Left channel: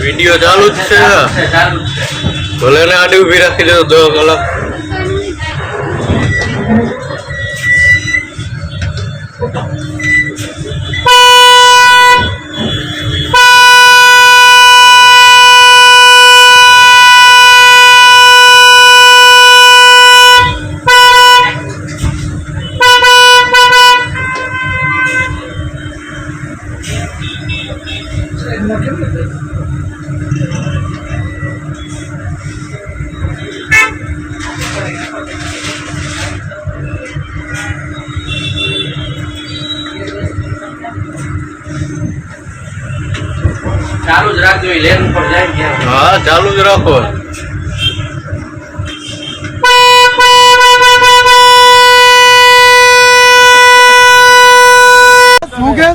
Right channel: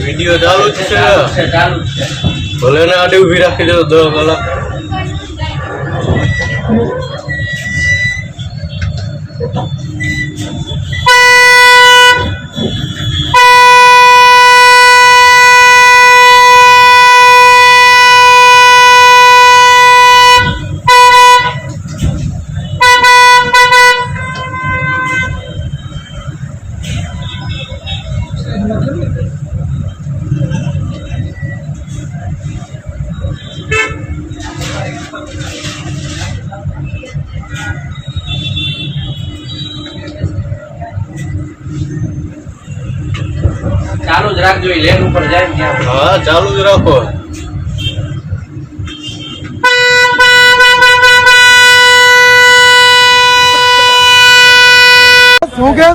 Video ચાલુ જ છે ચાલુ જ છે. ભલે ને આડી ઉભી રાખી દે 10 કલાક. ચાલુ જ રાખજો એ લેન ઉપર જાય ક્યાં. હા ચાલુ જ રાખો. શું કે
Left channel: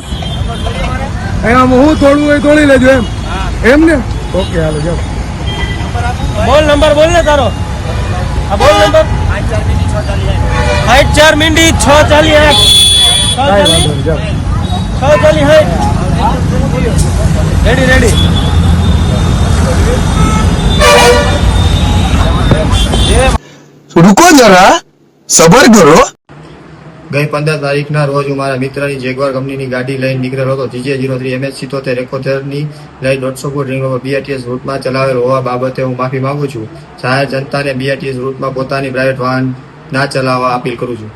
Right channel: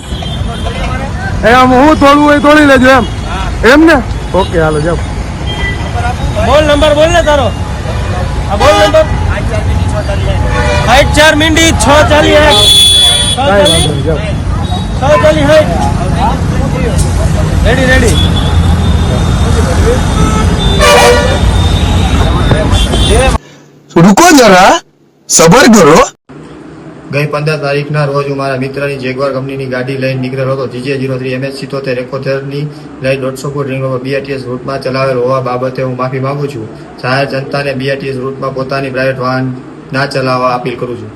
આમ હું તોડવું હોય તોડી લેજો એમ ને. ઓકે હાલો જાઓ. બોલ નંબર બોલ ને તારો. હા બોલ નંબર 8 મિનિટ 6:48. રેડી रुको जरा सबर करो। ગઈ 15 તારીખના રોજ હું મારા મિત્રની જેગવાર કંપનીની ગાડી લઈને નીકળેલો હતો. GJ03 MH77 ની લઈ 150 ફૂટ રિંગ રોડ BRTS રૂટમાં ચલાવેલ હોવા બાબતે હું માફી માંગુ છું. જાહેર જનતાને BRTS રૂટમાં પોતાની પ્રાઇવેટ વાહન ના ચલાવવા અપીલ કરું છું.